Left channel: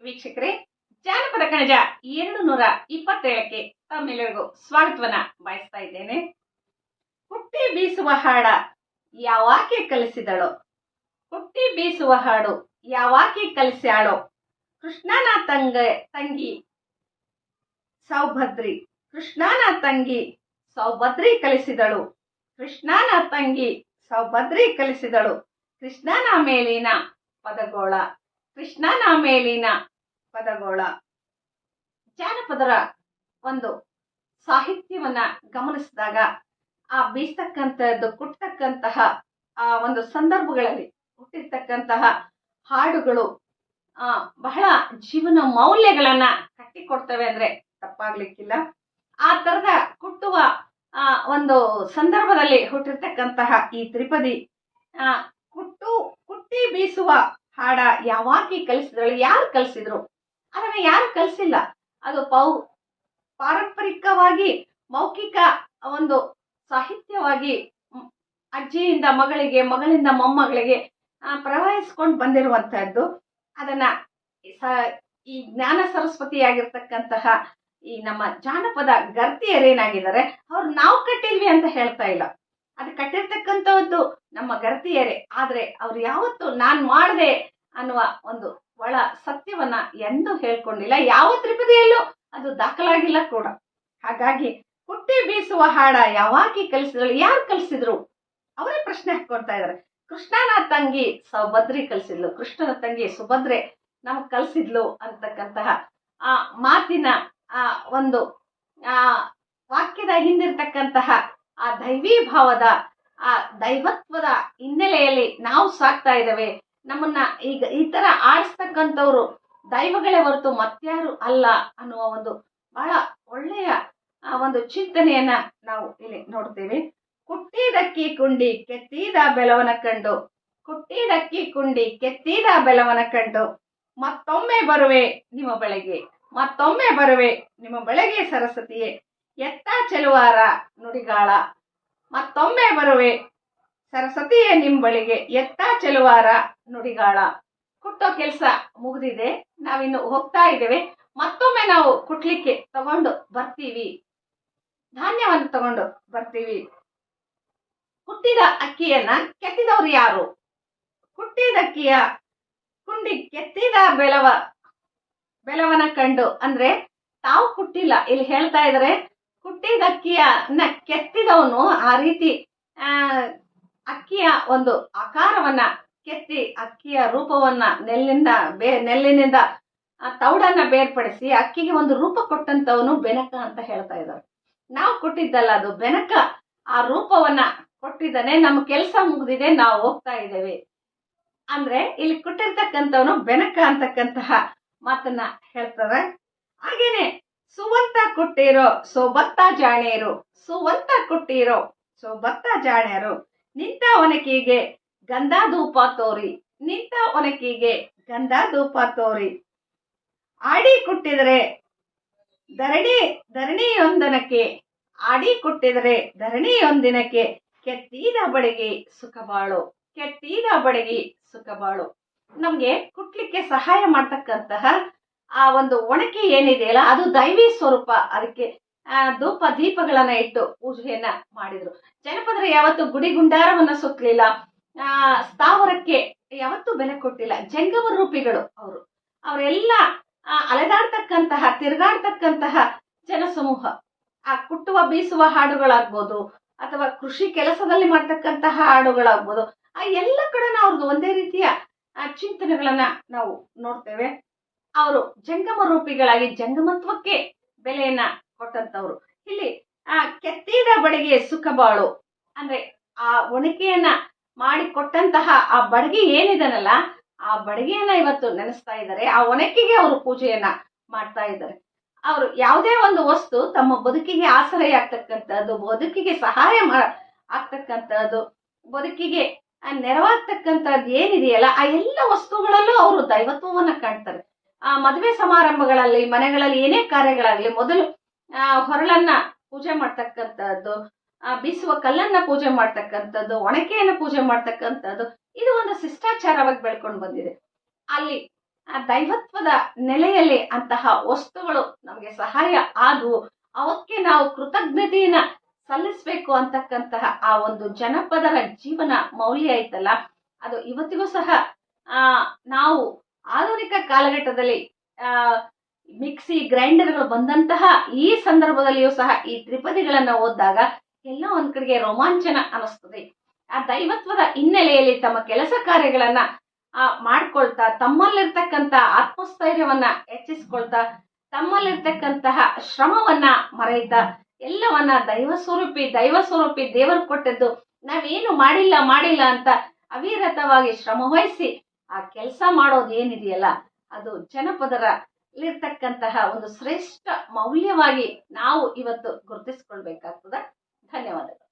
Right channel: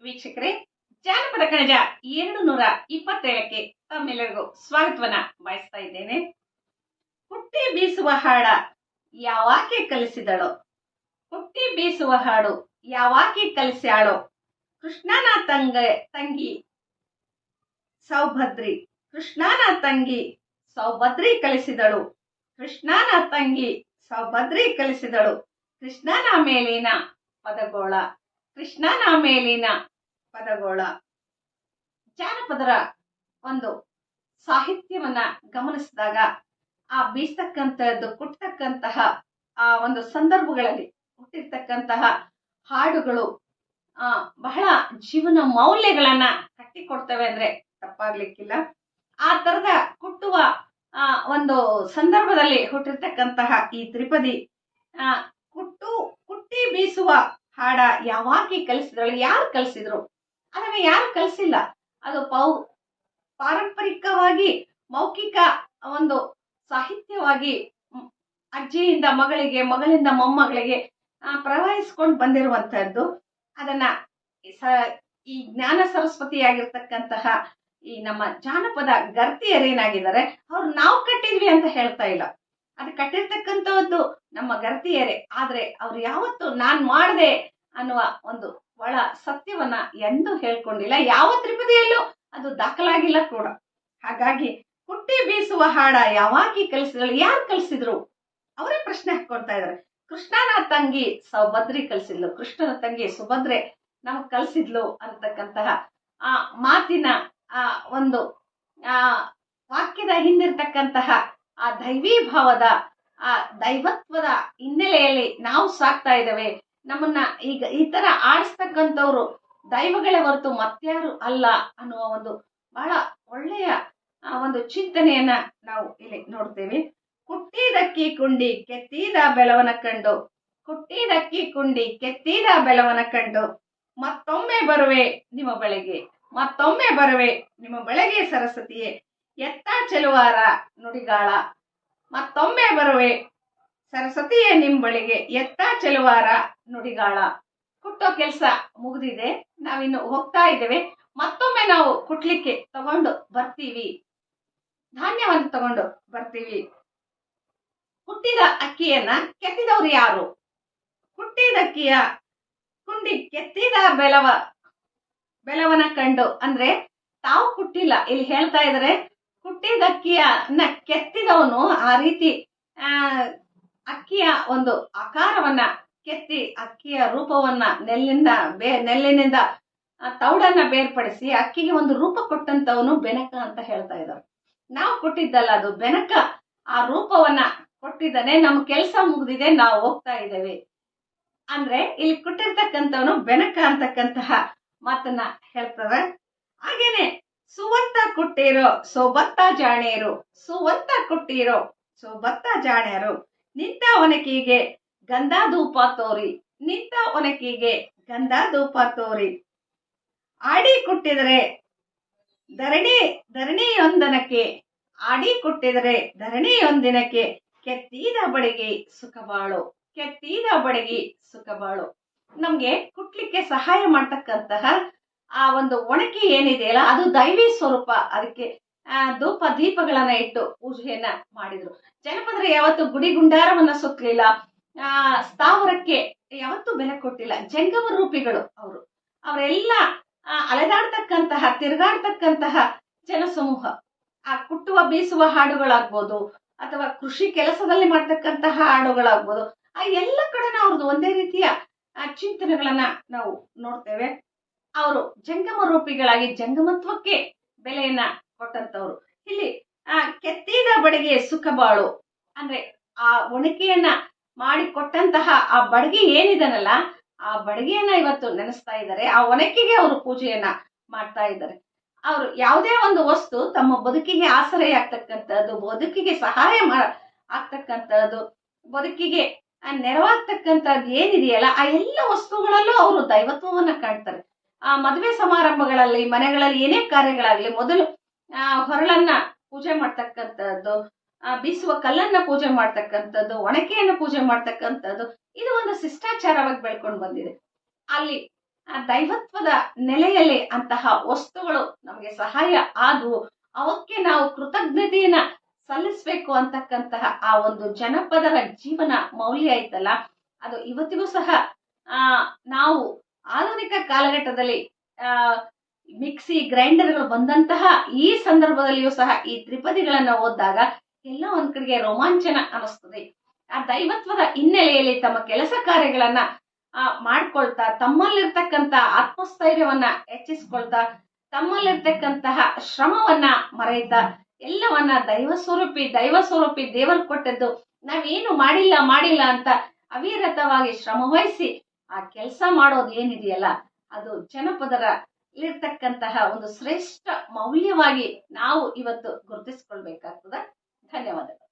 ವೀಕ್ಷಕರೇ, ಜಾನಪದ ಕಣಜ 227ಕ್ಕೆ ತಮ್ಮೆಲ್ಲರಿಗೂ ಸ್ವಾಗತವನ್ನ ಬಯಸ್ತಾ ಇದ್ದೇನೆ. ಕುಟ್ಟಿ ಬೀಸುವ ಹಾಡ ಯಾವಾಕೆ ಕಲಿಸಿದಳೋ, ಕುಟ್ಟಿ ಬೀಸುವ ಹಾಡು ಯಾವಾಕೆ ಕಲಿಸ್ಯಾಳೋ, ಕೃಷ್ಣನ ತಂಗಿ ಸೌಭದ್ರಿ, ಕೃಷ್ಣನ ತಂಗಿ ಸೌಭದ್ರಿ ಕಲಿಸಿದಳು, ಕೃಷ್ಣನ ತಂಗಿ ಸೌಭದ್ರಿ ಕಲಿಸಿದಳು, ಕೃಷ್ಣನ ಮೇಲಿನ ಪದಗೋಳ, ಕೃಷ್ಣನ ಮೇಲಿನ ಪದಗೋಳ. ಜಾನಪದರ ಒಂದು ಸಾಹಿತ್ಯವನ್ನ ಗಮನಿಸಿದಾಗ ಆ ಬೀಸ್ತಕ್ಕಂಥದ್ದು ಕುಟ್ಟತಕ್ಕಂತಹ ಆ ಒಂದು ಸಂದರ್ಭಗಳಲ್ಲಿ ಹುಟ್ಟಿರ್ತಕ್ಕಂತಹ ಹಾಡುಗಳು ಬಹಳ ಜೀವನ ಮೌಲ್ಯಗಳನ್ನ ಕಟ್ಟಿಕೊಡ್ತವೆ ಅಂದ್ರೆ ತಪ್ಪಾಗ್ಲಿಕ್ಕಿಲ್ಲ. ಆ ತರದ ಕುಟ್ಟುವ ಒಂದು ಸಂದರ್ಭದಲ್ಲಿ ಹುಟ್ಟಿರ್ತಕ್ಕಂತಹ ಈ ತ್ರಿಪದಿ ಕುಟ್ಟಿ ಬೀಸುವ ಹಾಡ ಯಾವಾಕಿ ಕಲಿಸಿದಳು, ಯಾರು ಕಲಿಸಿದ್ರು, ಅದನ್ನ ಯಾರು ಕಲಿಸಿಲ್ಲ. ಅದು ಪಾರಂಪರಿಕವಾಗಿ ಮೌಖಿಕ ಒಂದು ಸಾಹಿತ್ಯವಾಗಿ ಅಜ್ಜಿಯಿಂದ ಮಗಳಿಗೆ, ಮಗಳಿಂದ ಮೊಮ್ಮಗಳಿಗೆ ಪ್ರವಹಿಸ್ಕೊಂಡು ಬಂದಿರುವಂತಹದ್ದು. ಅದನ್ನ ಈ ಜ್ಞಾನ ಸರಸ್ವತಿಯಾಗಿರ್ತಕ್ಕಂತಹ ಈ ನಮ್ಮ ಜಾನಪದ ಗರ್ತಿಯರೇನಾಗಿದ್ದಾರೆ ಅವ್ರು ನಾವು ಕಟ್ಟಿದ್ವಿ ಅಂತ ಹೇಳ್ತಾ ಇಲ್ಲ. ಅದು ಕಟ್ಟಿರ್ತಕ್ಕಂಥದ್ದು ನಮ್ಮ ಗರ್ತಿಯರೇ. ಆದ್ರೆ ಅವ್ರು ಯಾವತ್ತು ನಾನ್ ಮಾಡ್ದೆ ಅನ್ನುವ ಒಂದು ಒಳ ಸತ್ಯವನ್ನ ಎಂದೂ ಹೇಳ್ಕೊಂಡಿಲ್ಲ. ಯಾವ ತ್ರಿಪದಿಯಲ್ಲೂ ಅದು ದಾಖಲಾಗಿಲ್ಲ ಕೂಡ. ಹಾಗಾಗಿ ಕುಟ್ಟಿ ಬೀಸುವ ಹಾಡ ಯಾವಾಕಿ ಕಲಿಸಿದಳು, ಯಾರು ಕಲಿಸಿದ್ರು ಅವರೇ ಪ್ರಶ್ನೆ ಹಾಕೊಳ್ತಾ ಇದಾರೆ. ಕೃಷ್ಣನ ತಂಗಿ ಸೌಭದ್ರಿ ಕಲಿಸಿದ್ಲು, ಕೃಷ್ಣನ ತಂಗಿ ಸುಭದ್ರೆ ನಮಗ್ ಕಲಿಸಿದ್ಲು ಅಂತಕ್ಕಂತಹ ಆ ಮಾತಿನ ಆ ಒಂದು ವಾಕ್ಯದ ಹಿಂದಿರ್ತಕ್ಕಂತಹ ಆ ದೈವೀ ಭಾವದ ಆ ದೈವತ್ವದ ಹಿನ್ನೆಲೆಯಲ್ಲಿ ನಾವು ಸಾಕ್ತಾ ಇದ್ದೇವೆ. ನಮ್ಮನ್ನ ಈಗ ಈ ತರ ಆಡಿಸ್ತಕ್ಕಂಥವ್ರು ದೈವಗಳೇ ಹೊರತು ಮತ್ಯಾರು ಅಲ್ಲ ಅನ್ನುವ ಒಂದು ಬಹಳ ಒಳ್ಳೆಯ ಒಂದು ಚಿಂತನೆಯನ್ನ ನಾವು ಇಲ್ಲಿ ನೋಡ್ತೇವೆ. ಕುಟ್ಟಿದಕ್ಕಿ ಕುಂಡಿ ಕೆತ್ತಿದ ಬೆಲವನ ಕಂಡು, ಕುಟ್ಟಿದಕ್ಕಿ ಕುಂಡಿ ಕೆತ್ತಿದ ಬೆಲವನ ಕಂಡು, ಮತ್ತೊಮ್ಮೆ ಬರುವೆ ನಿಮ್ಮ ಬಳೆಗೆ, ಮತ್ತೊಮ್ಮೆ ಬರುವೆ ನಿಮ್ಮ ಬಳೆಗೆ ಸರಸ್ವತಿಯೇ, ಎತ್ತ ಚೆಲುವಾರ ನುಡಿಗಾಳ, ಮತ್ತೊಮ್ಮೆ ಬರುವೆ ಸರಸ್ವತಿಯೇ ನಿಮ್ ಬಳಿಗೆ, ಎತ್ತ ಚೆಲುವಾರ ನುಡಿಗಾಳ. ಕುಟ್ಟೋ ಕೆಲಸ ಮುಗಿದಿದೆ, ನಾವಿನ್ನು ಹೋಗ್ತಾ ಇದ್ದೇವೆ. ಮತ್ತೊಮ್ಮೆ ನಾವು ಕುಟ್ಲಿಕ್ಕೆ ತಗೊಂಡು ಬರ್ತೀವಿ, ಧಾನ್ಯವನ್ನು ತಗೊಂಡು ಬರ್ತೀವಿ. ಕುಟ್ಟಿದ ಅಕ್ಕಿಯನ್ನ ಕೆತ್ತಿದವ್ರು ಯಾರು? ಕುಟ್ಟಿದ ಅಕ್ಕಿಯ ಕುಂಡಿ ಕೆತ್ತಿದ ಬೆಲವನ ಕಂಡು ಅಂದ್ರೆ ತಾವು ಕುಟ್ಟಿಲ್ಲ, ಇಲ್ಲಿ ಹೇಳ್ತಾ ಇದಾರೆ ಕುಟ್ಟಿದ ಅಕ್ಕಿಯನ್ನ ಕೆತ್ತಿದವನು ಆ ರೀತಿ ಅಕ್ಕಿಯ ಒಂದು ಆಕಾರವನ್ನ ಕೆತ್ತಿ ಅಕ್ಕಿಯ ರೂಪವನ್ನ ನೆಲ್ಲಿನಿಂದ ತೌಡನ್ನ ಬೇರ್ಪಡಿಸಿ ಅಕ್ಕಿಗೆ ಒಂದು ರೂಪ ಕೊಟ್ಟಂತವನು ಬೆನಕ ಅಂತ ಹೇಳ್ತಾ ಇದ್ದಾರೆ. ನಾವು ಕೊಟ್ಟಿದ್ದಲ್ಲ, ಅದು ಬೆನಕ ಆ ರೂಪವನ್ನ ಕೊಟ್ಟಿದ್ದಾನೆ. ನಮ್ಮ ಕೆಲಸ ಮುಗಿದಿದೆ, ನಾವು ಹೋಗ್ತಾ ಇದ್ದೇವೆ ಅಂದ್ರೆ ಇಲ್ಲಿ ಕೊಟ್ಟಿರ್ತಕ್ಕಂಥವನು ಬೆನಕ ಅಂತಕ್ಕಂತಹ ಮಾತನ್ನ ಹೇಳ್ತಾರೆ. ಹಾಗೇನೆ ಸುವಂತ ಕುಟ್ಟಿರೋ ಸೋಬತ್ತ ಜಾಣೇರು, ಸುವಂತ ಕುಟ್ಟಿರೋ ಸೋಬತ್ತ ಜಾಣ್ಯರು, ನಿಂತ ಒನಕಿಗೆ ಗಂಧ ಧೂಪ ತೋರಿ, ನಿಂತ ಒನಕಿಗೆ ಗಂಧ ಧೂಪ ತೋರಿ, ಆಡಿ ಕುಟ್ಟಿದರೆ ಧರಣಿಯೊಂದನಕ್ಕೆ, ಆಡಿ ಕುಟ್ಟಿದರೆ ಧರಣಿಯೊಂದಿನಕ್ಕೆ, ಕೆತ್ತಿದ ಬಡಿಗೆ ಸುಖಬಾಳು, ಕೆತ್ತಿದ ಬಡಿಗೆ ಸುಖಬಾಳು. ನಮ್ಗೆ ಕುಟ್ಲಿಕ್ಕೆ ಸಹಾಯ ಮಾಡ್ತಕ್ಕಂತಹ ಆ ಒಂದು ಒಣಕಿ ಏನಿದೆಯಲ್ಲ ಅದು ದೈವಿ ಸ್ವರೂಪ. ಅದಕ್ಕೆ ಧೂಪ ದೀಪಗಳನ್ನ ಇಟ್ಟು ಪೂಜೆಯನ್ನ ಮಾಡಿದ್ರು. ಜನಪದರು ಯಾವತ್ತು ಗುಡಿ ಗುಂಡಾರವನ್ನ ಸುತ್ತಲಿಲ್ಲ, ಸ್ಥಾವರಕ್ಕೆ ಯಾವತ್ತೂ ಬೆಲೆ ಕೊಟ್ಟಿಲ್ಲ. ಜಂಗಮ ರೂಪಿಗಳು ಅವರೆಲ್ಲ ಅಲೆದಾಡ್ತಕ್ಕಂತಹ ತಿರುಗಾಡ್ತಕ್ಕಂತಹ ಜನಸಮೂಹ. ಆ ಕುಟ್ಟುವ ಬೀಸುವ ಹಾಡುಗಳಾಗ್ಬೋದು ಅಥವಾ ಕೃಷಿ ಕೆಲಸದಲ್ಲಿ ಮಾಡ್ತಕ್ಕಂತಹ ಹಾಡುಗಳಾಗ್ಬೋದು, ಆ ಎಲ್ಲ ಕಡೆನ ಅವ್ರದ್ದು ಒಂದೇ ರೀತಿಯ ಚಿಂತನೆಗಳನ್ನ ನಾವು ನೋಡ್ತೇವೆ. ಅವರು ಜಂಗಮ ರೂಪಿಗಳಾಗಿ ಜಂಗಮತ್ವಕ್ಕೆ ಬೆಲೆಯನ್ನ ಕೊಟ್ಟಂತವ್ರು. ಇಲ್ಲಿ ಕೆತ್ತಿದ ಬಡಿಗೆ ಸುಖ ಬಾಳು ಅಂದ್ರೆ ಆ ಒಣಕೆಯನ್ನ ಮಾಡಿ ಕೊಟ್ಟಂತಹ ಆ ಬಡಗಿ ಏನಿದನಲ್ಲ ಆ ಬಡಗಿಯನ್ನ ಇವತ್ತು ನೆನೆಸ್ತಾ ಇದ್ದಾರೆ. ಆ ಒಣಕೆಗೆ ಅವರು ಪೂಜೆಯನ್ನ ಮಾಡ್ತಾ ಇದ್ದಾರೆ. ಅವರು ಯಾವುದೇ ಒಂದು ವಸ್ತು ತಮ್ಮ ಬದುಕಿಗೆ ಆಸರೆಯಾಗ್ತಕ್ಕಂಥದ್ದು, ಬದುಕಿಗೆ ಸಹಾಯ ಆಗ್ತಕ್ಕಂಥದ್ದು, ಬದುಕಿಗೆ ನೆರವಾಗ್ತಕ್ಕಂಥದ್ದು ಏನಿದೆಯಲ್ಲ ಆ ಎಲ್ಲ ವಸ್ತುಗಳಲ್ಲೂ ಅವರು ದೈವತ್ವವನ್ನ ಕಾಣ್ತಾರೆ. ಆ ಮದುವೆ ಸಮಾರಂಭಗಳಲ್ಲಿ, ಮನೆಗಳಲ್ಲಿ ಏನೇ ಕಾರ್ಯಗಳಾಗ್ಲಿ ಮೊದಲು ಹೊರಳನ್ನ ಪೂಜೆ ಮಾಡ್ತಕ್ಕಂಥದ್ದು, ಬೀಸುವ ಕಲ್ಲನ್ನ ಪೂಜೆ ಮಾಡ್ತಕ್ಕಂಥದ್ದು, ಒಣಕೆಯನ್ನ ಪೂಜೆ ಮಾಡ್ತಕ್ಕಂಥದ್ದು, ಇದು ಒಂದು ಶಿಷ್ಟಾಚಾರವಾಗಿ ಬೆಳ್ಕೊಂಡು ಬಂದಿದೆ. ಅಲ್ಲಿ ದೈವತ್ವದ ನೆಲೆಯಲ್ಲಿ ಅಂತಹ ವಸ್ತುಗಳು ನಮಗೆ ಸಹಾಯ ಆದವು. ಅವಕ್ಕೆ ನಾವು ಕೃತಜ್ಞತೆಯನ್ನ ಸಲ್ಲಿಸಬೇಕು ಅಂತಕ್ಕಂತಹ ಆ ಒಂದು ಜನಪದರ ಜೀವನ ಮೌಲ್ಯ ಐತಲ್ಲ, ಅದು ಇವತ್ತಿಗೂ ಸಹ ಆ ನಾವು ಆಧುನಿಕ ಕಾಲಘಟ್ಟದಲ್ಲಿ ಆ ಮಿಕ್ಸಿ ಗ್ರೈಂಡರ್ಗಳು ಬಂದಂತಹ ಈ ಸಂದರ್ಭದಲ್ಲಿಯೂ ಸಹ ಈ ತ್ರಿಪದಿಗಳನ್ನ ಓದಿದಾಗ ಎಲ್ಲ ಒಂದ್ ಕಡೆಗೆ ರೋಮಾಂಚನ ಅನಿಸ್ತದೆ. ಆ ದೈವತ್ವದ ಹಿನ್ನೆಲೆಯಲ್ಲಿ ತಮ್ಮ ಕೆಲಸ ಕಾರ್ಯಗಳನ್ನ ಮಾಡ್ಕೊಳ್ತಾ, ತಮ್ಮಲ್ಲಿರ್ತಕ್ಕಂಥ ಆತ್ಮಸ್ಥೈರ್ಯವನ್ನ ಹೆಚ್ಚಿಸ್ಕೊಳ್ತಾ, ತಮ್ಮಲ್ಲಿರ್ತಕ್ಕಂತಹ ಶ್ರಮವನ್ನ ಮರೆಯುತ್ತಾ, ಎಲ್ಲವನ್ನ ದೈವ ಸ್ವರೂಪಿ ದೇವರು ಕೊಟ್ಟದ್ದು ನಾವೇನು ಮಾಡಿಲ್ಲ ಅಂತ ಅವಿರತವಾಗಿ ಶ್ರಮ ವಹಿಸಿ ಆ ಕೆಲಸ ಮಾಡೋದು ಏನಿದೆಯಲ್ಲ, ಅದು ಜನಪದರಲ್ಲಿರ್ತಕ್ಕಂತಹ ಒಂದು ಶ್ರೇಷ್ಠ ಮೌಲ್ಯವಾಗಿ ನಾವು ಇವತ್ತು ಗುರುತಿಸ್ಕೊಳ್ಬೇಕಾಗ್ತದ. ಧನ್ಯವಾದಗಳು.